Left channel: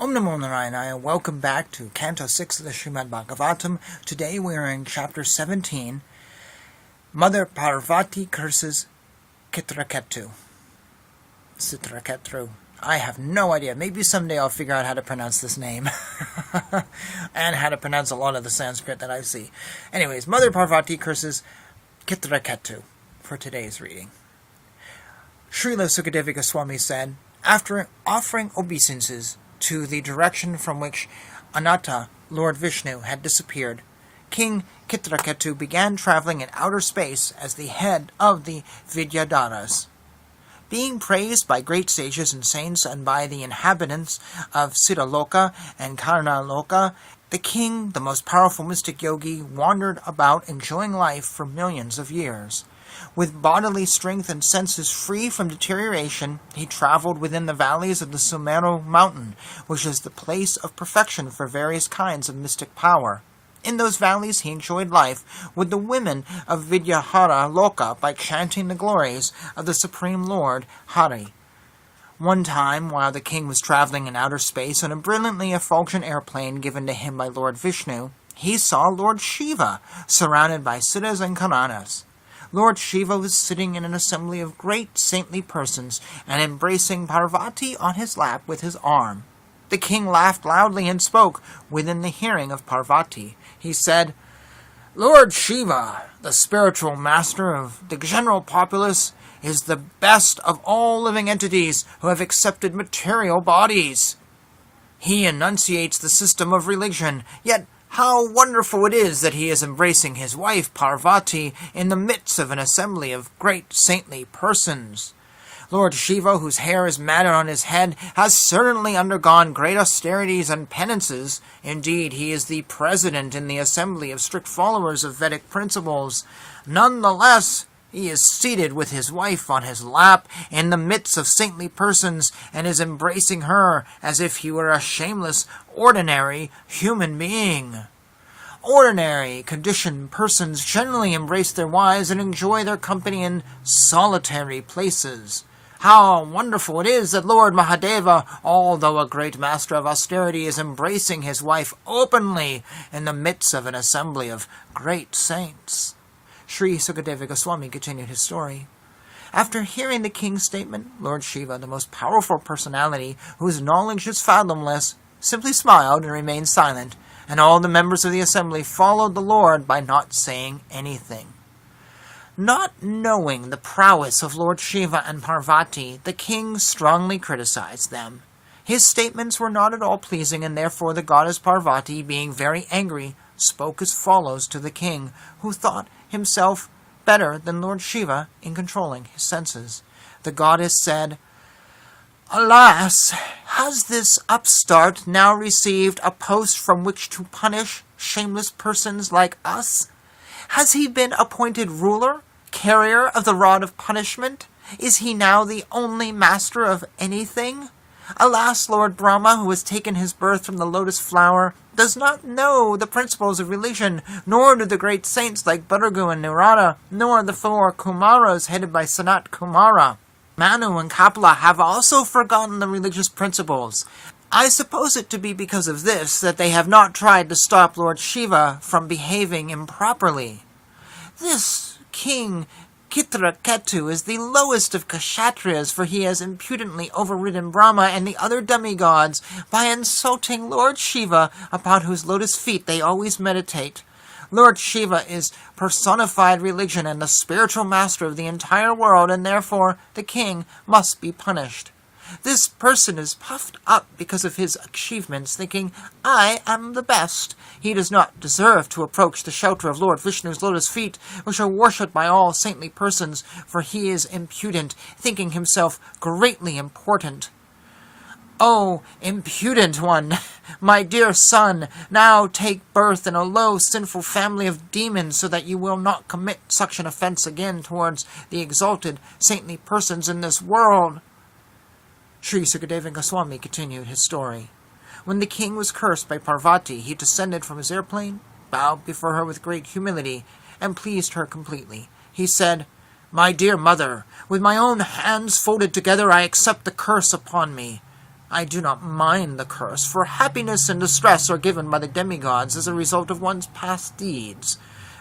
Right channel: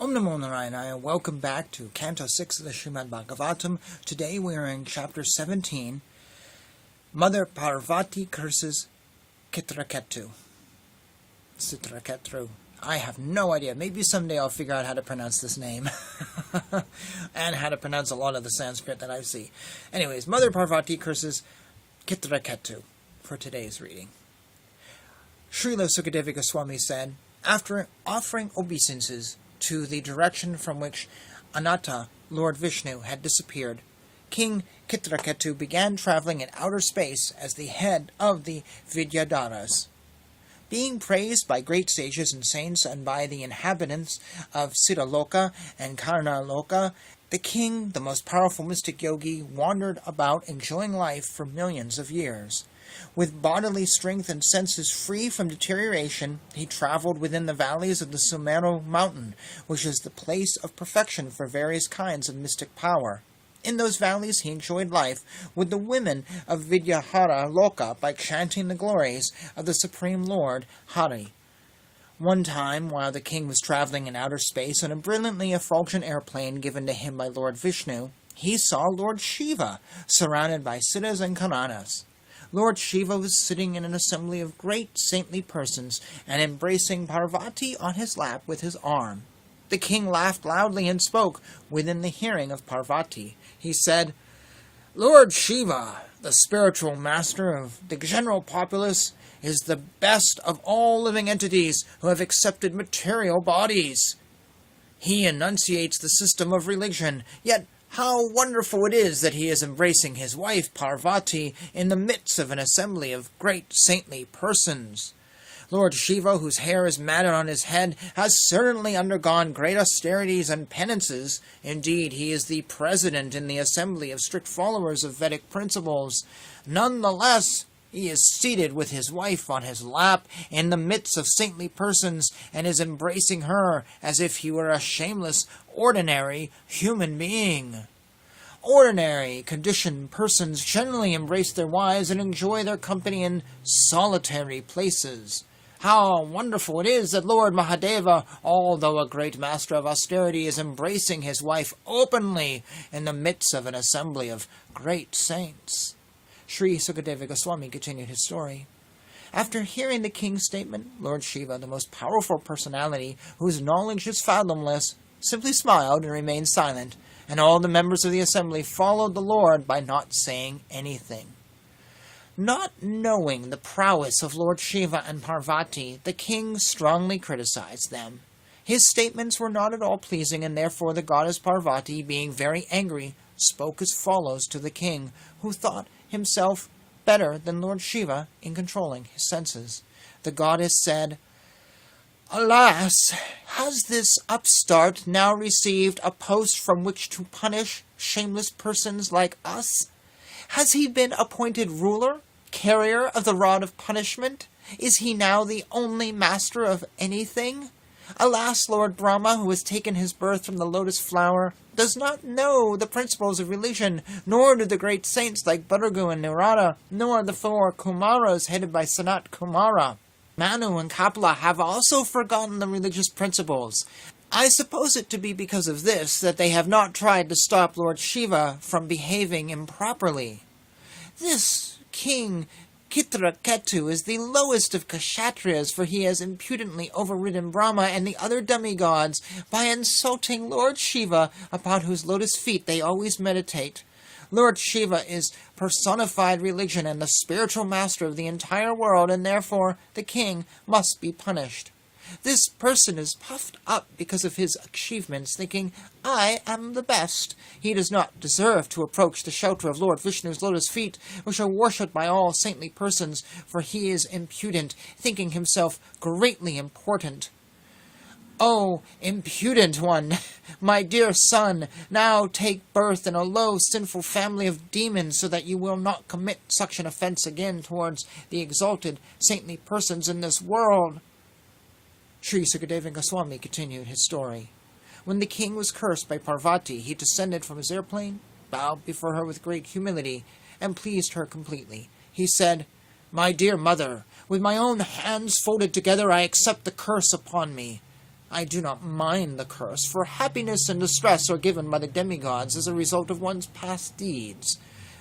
Om Namo Narayana, and welcome back to Canto 6 of the Srimad Bhagavatam. Today we are in Chapter 17, Mother Parvati curses Citraketu. Citraketu. I have no idea. Maybe someday I'll figure out how to pronounce this name. and how to pronounce a lot of the Sanskrit that I see. Anyways, Mother Parvati curses Citraketu for today's reading. Srila Sukadeva Swami said, after offering obeisances to the direction from which Ananta, Lord Vishnu, had disappeared, King Citraketu began traveling in outer space as the head of the Vidyadharas. Being praised by great sages and saints and by the inhabitants of Siddhaloka and Karnaloka, the king, the most powerful mystic yogi, wandered about enjoying life for millions of years. With bodily strength and senses free from deterioration, he traveled within the valleys of the Sumeru mountain, which is the place of perfection for various kinds of mystic power. In those valleys he enjoyed life with the women of Vidyahara Loka by chanting the glories of the Supreme Lord Hari. One time, while the king was traveling in outer space on a brilliantly effulgent airplane given to him by Lord Vishnu, he saw Lord Shiva surrounded by Siddhas and Karanas. Lord Shiva was sitting in an assembly of great saintly persons and embracing Parvati on his lap with his arm. The king laughed loudly and spoke within the hearing of Parvati. He said, Lord Shiva, the spiritual master of the general populace, is the best of all living entities who have accepted material bodies. He enunciates the system of religion, yet how wonderful it is that he is embracing his wife Parvati in the midst of an assembly of great saintly persons. Lord Shiva, whose hair is matted on his head, has certainly undergone great austerities and penances. Indeed, he is the president in the assembly of strict followers of Vedic principles. Nonetheless, he is seated with his wife on his lap in the midst of saintly persons and is embracing her as if he were a shameless, ordinary human being. Ordinary, conditioned persons generally embrace their wives and enjoy their company in solitary places. How wonderful it is that Lord Mahadeva, although a great master of austerity, is embracing his wife openly in the midst of an assembly of great saints. Sri Sukadeva Goswami continued his story. After hearing the king's statement, Lord Shiva, the most powerful personality whose knowledge is fathomless, simply smiled and remained silent, and all the members of the assembly followed the Lord by not saying anything. Not knowing the prowess of Lord Shiva and Parvati, the king strongly criticized them. His statements were not at all pleasing, and therefore the goddess Parvati, being very angry, spoke as follows to the king, who thought himself better than Lord Shiva in controlling his senses. The goddess said, Alas, has this upstart now received a post from which to punish shameless persons like us? Has he been appointed ruler, carrier of the rod of punishment? Is he now the only master of anything? Alas, Lord Brahma, who has taken his birth from the lotus flower, does not know the principles of religion, nor do the great saints like Bhargu and Narada, nor the 4 Kumaras headed by Sanat Kumara. Manu and Kapila have also forgotten the religious principles. I suppose it to be because of this that they have not tried to stop Lord Shiva from behaving improperly. This king Citraketu is the lowest of Kshatriyas, for he has impudently overridden Brahma and the other demigods by insulting Lord Shiva, upon whose lotus feet they always meditate. Lord Shiva is personified religion and the spiritual master of the entire world, and therefore the king must be punished. This person is puffed up because of his achievements, thinking, I am the best. He does not deserve to approach the shelter of Lord Vishnu's lotus feet, which are worshipped by all saintly persons, for he is impudent, thinking himself greatly important. O impudent one, my dear son, now take birth in a low, sinful family of demons, so that you will not commit such an offense again towards the exalted, saintly persons in this world. Sri Sukadeva Goswami continued his story. When the king was cursed by Parvati, he descended from his airplane, bowed before her with great humility, and pleased her completely. He said, My dear mother, with my own hands folded together I accept the curse upon me. I do not mind the curse, for happiness and distress are given by the demigods as a result of one's past deeds.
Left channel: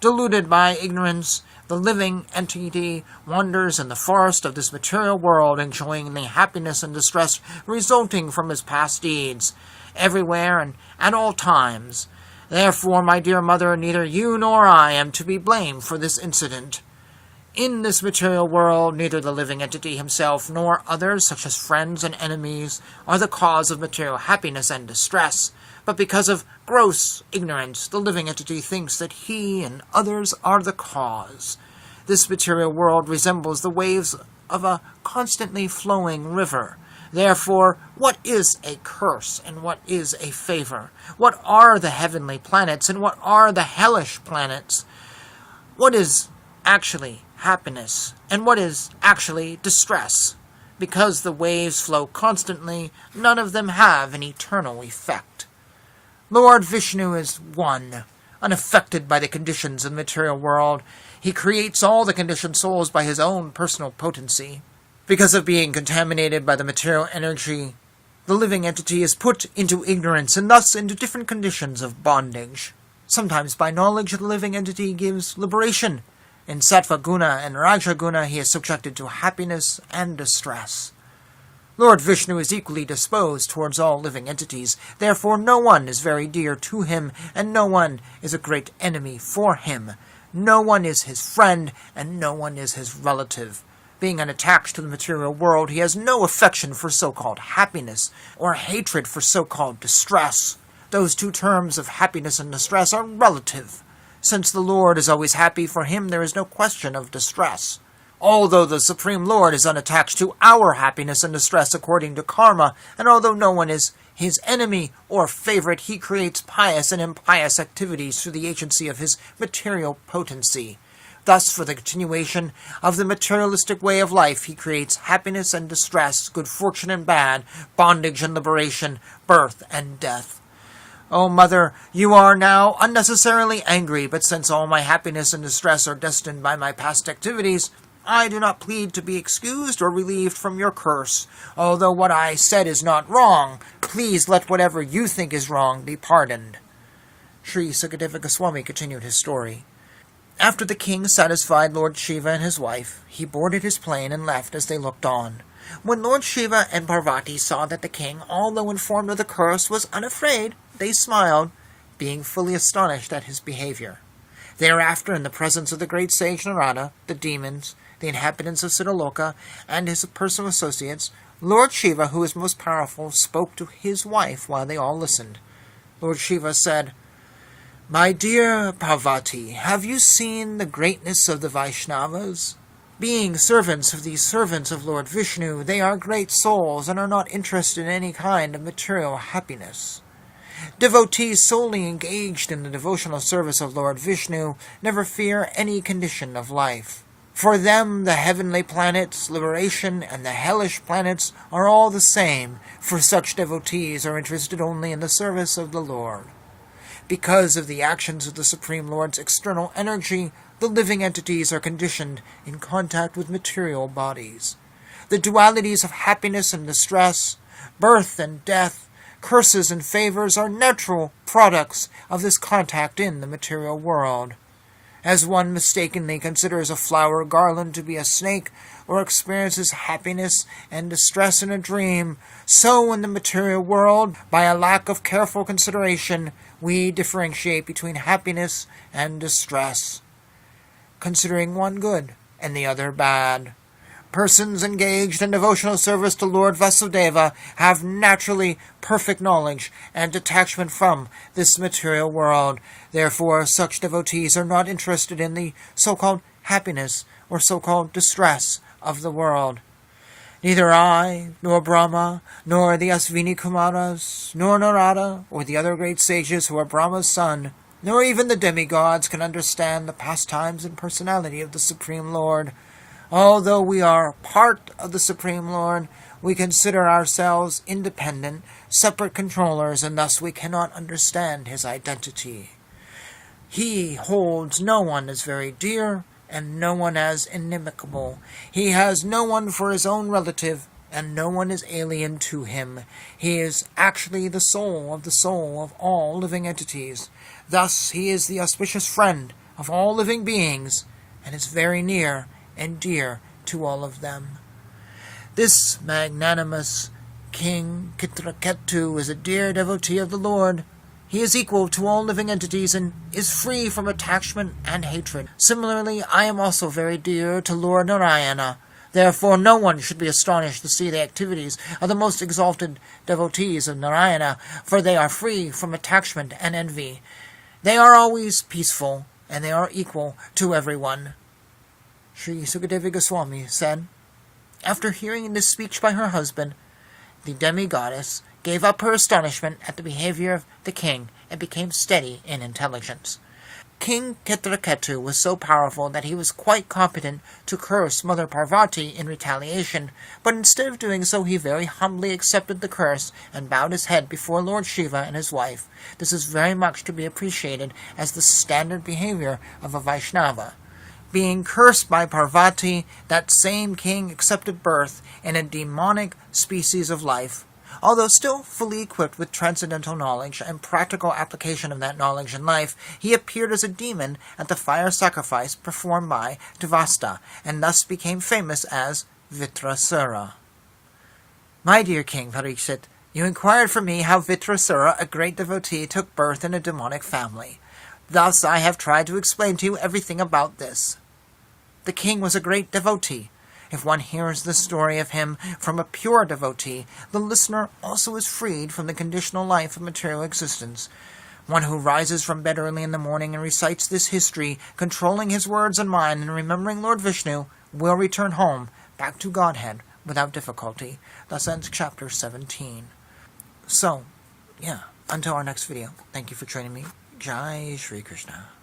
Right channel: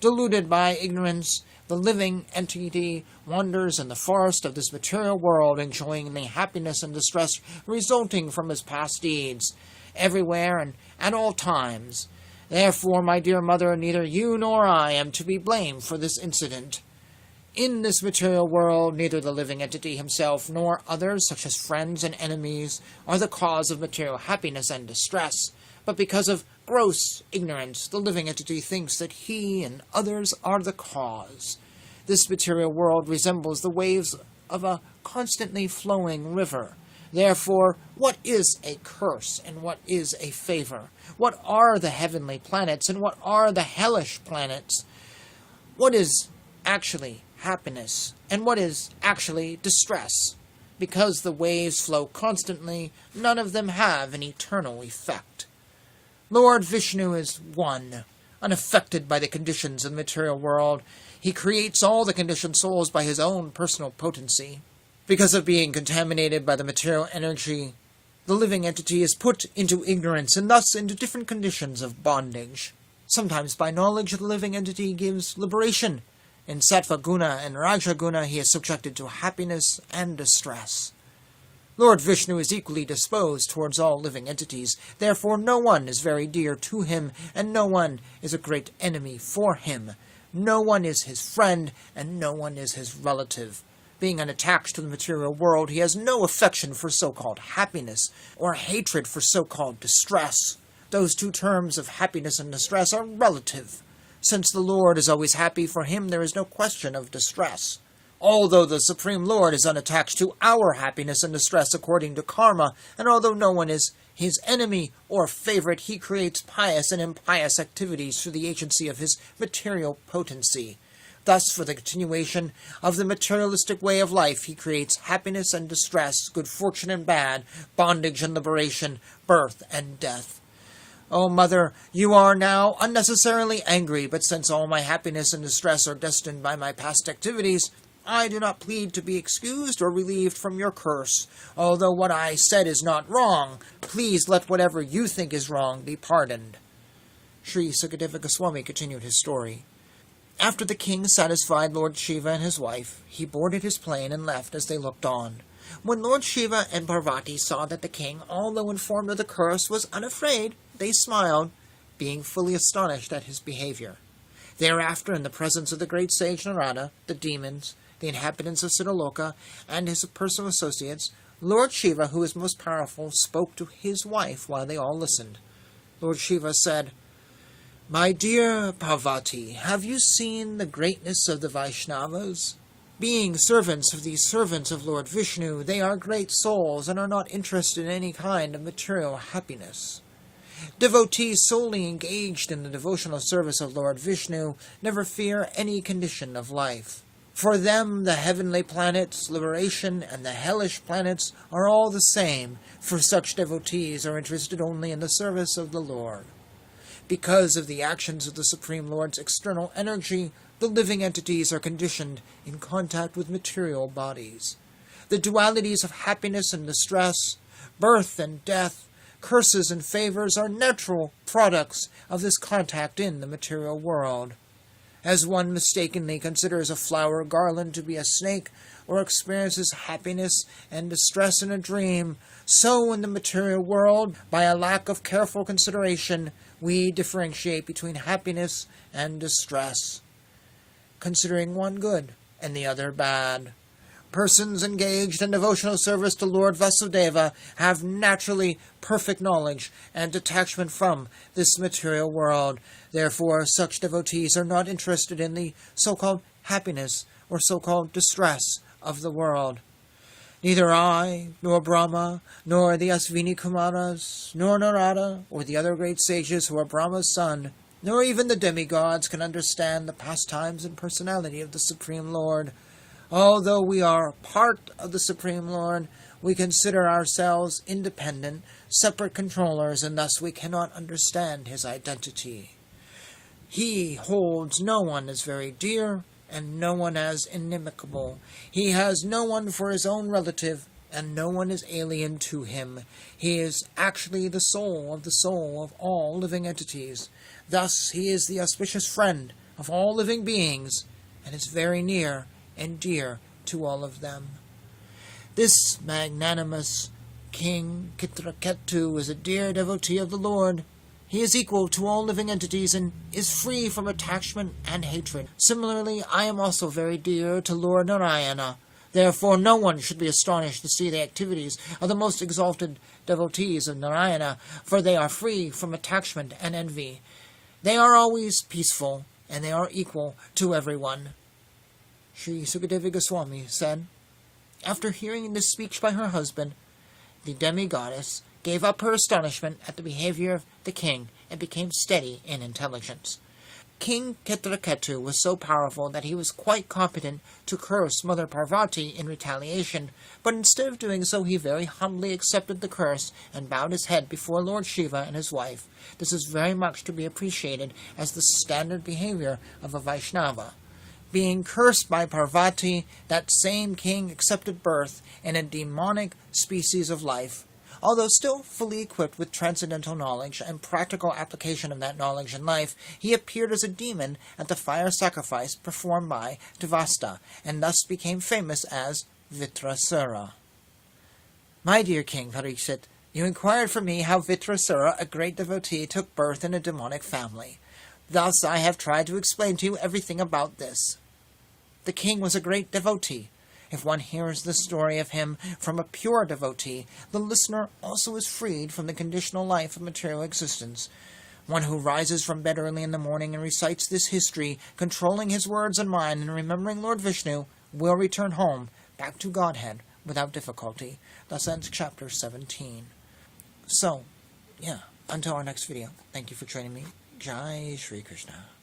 Deluded by ignorance, the living entity wanders in the forest of this material world, enjoying the happiness and distress resulting from his past deeds, everywhere and at all times. Therefore, my dear mother, neither you nor I am to be blamed for this incident. In this material world, neither the living entity himself nor others, such as friends and enemies, are the cause of material happiness and distress, but because of gross ignorance, the living entity thinks that he and others are the cause. This material world resembles the waves of a constantly flowing river. Therefore, what is a curse and what is a favor? What are the heavenly planets and what are the hellish planets? What is actually happiness and what is actually distress? Because the waves flow constantly, none of them have an eternal effect. Lord Vishnu is one, unaffected by the conditions of the material world. He creates all the conditioned souls by his own personal potency. Because of being contaminated by the material energy, the living entity is put into ignorance and thus into different conditions of bondage. Sometimes by knowledge, the living entity gives liberation. In Sattva Guna and Raja Guna, he is subjected to happiness and distress. Lord Vishnu is equally disposed towards all living entities. Therefore, no one is very dear to him, and no one is a great enemy for him. No one is his friend, and no one is his relative. Being unattached to the material world, he has no affection for so-called happiness, or hatred for so-called distress. Those two terms of happiness and distress are relative. Since the Lord is always happy, for him there is no question of distress. Although the Supreme Lord is unattached to our happiness and distress according to karma, and although no one is his enemy or favorite, he creates pious and impious activities through the agency of his material potency. Thus, for the continuation of the materialistic way of life, he creates happiness and distress, good fortune and bad, bondage and liberation, birth and death. O Mother, you are now unnecessarily angry, but since all my happiness and distress are destined by my past activities, I do not plead to be excused or relieved from your curse. Although what I said is not wrong, please let whatever you think is wrong be pardoned. Sri Sukadeva Goswami continued his story. After the king satisfied Lord Shiva and his wife, he boarded his plane and left as they looked on. When Lord Shiva and Parvati saw that the king, although informed of the curse, was unafraid, they smiled, being fully astonished at his behavior. Thereafter, in the presence of the great sage Narada, the demons, the inhabitants of Siddhaloka, and his personal associates, Lord Shiva, who is most powerful, spoke to his wife while they all listened. Lord Shiva said, "My dear Parvati, have you seen the greatness of the Vaishnavas? Being servants of these servants of Lord Vishnu, they are great souls and are not interested in any kind of material happiness. Devotees solely engaged in the devotional service of Lord Vishnu never fear any condition of life. For them, the heavenly planets, liberation, and the hellish planets are all the same, for such devotees are interested only in the service of the Lord. Because of the actions of the Supreme Lord's external energy, the living entities are conditioned in contact with material bodies. The dualities of happiness and distress, birth and death, curses and favors are natural products of this contact in the material world. As one mistakenly considers a flower garland to be a snake, or experiences happiness and distress in a dream, so in the material world, by a lack of careful consideration, we differentiate between happiness and distress, considering one good and the other bad. Persons engaged in devotional service to Lord Vasudeva have naturally perfect knowledge and detachment from this material world. Therefore, such devotees are not interested in the so-called happiness or so-called distress of the world. Neither I, nor Brahma, nor the Asvini Kumaras, nor Narada, or the other great sages who are Brahma's son, nor even the demigods can understand the pastimes and personality of the Supreme Lord. Although we are part of the Supreme Lord, we consider ourselves independent, separate controllers, and thus we cannot understand his identity. He holds no one as very dear, and no one as inimical. He has no one for his own relative, and no one is alien to him. He is actually the soul of all living entities. Thus he is the auspicious friend of all living beings, and is very near and dear to all of them. This magnanimous King Citraketu is a dear devotee of the Lord. He is equal to all living entities and is free from attachment and hatred. Similarly, I am also very dear to Lord Narayana. Therefore, no one should be astonished to see the activities of the most exalted devotees of Narayana, for they are free from attachment and envy. They are always peaceful, and they are equal to everyone. Sri Sukadeva Goswami said, after hearing this speech by her husband, the demigoddess gave up her astonishment at the behavior of the king and became steady in intelligence. King Citraketu was so powerful that he was quite competent to curse Mother Parvati in retaliation, but instead of doing so he very humbly accepted the curse and bowed his head before Lord Shiva and his wife. This is very much to be appreciated as the standard behavior of a Vaishnava. Being cursed by Parvati, that same king accepted birth in a demonic species of life. Although still fully equipped with transcendental knowledge and practical application of that knowledge in life, he appeared as a demon at the fire sacrifice performed by Devasta, and thus became famous as Vitrasura. My dear King Pariksit, you inquired for me how Vitrasura, a great devotee, took birth in a demonic family. Thus I have tried to explain to you everything about this. The king was a great devotee. If one hears the story of him from a pure devotee, the listener also is freed from the conditional life of material existence. One who rises from bed early in the morning and recites this history, controlling his words and mind and remembering Lord Vishnu, will return home, back to Godhead, without difficulty. Thus ends chapter 17. So, until our next video, thank you for joining me. Jai Shri Krishna.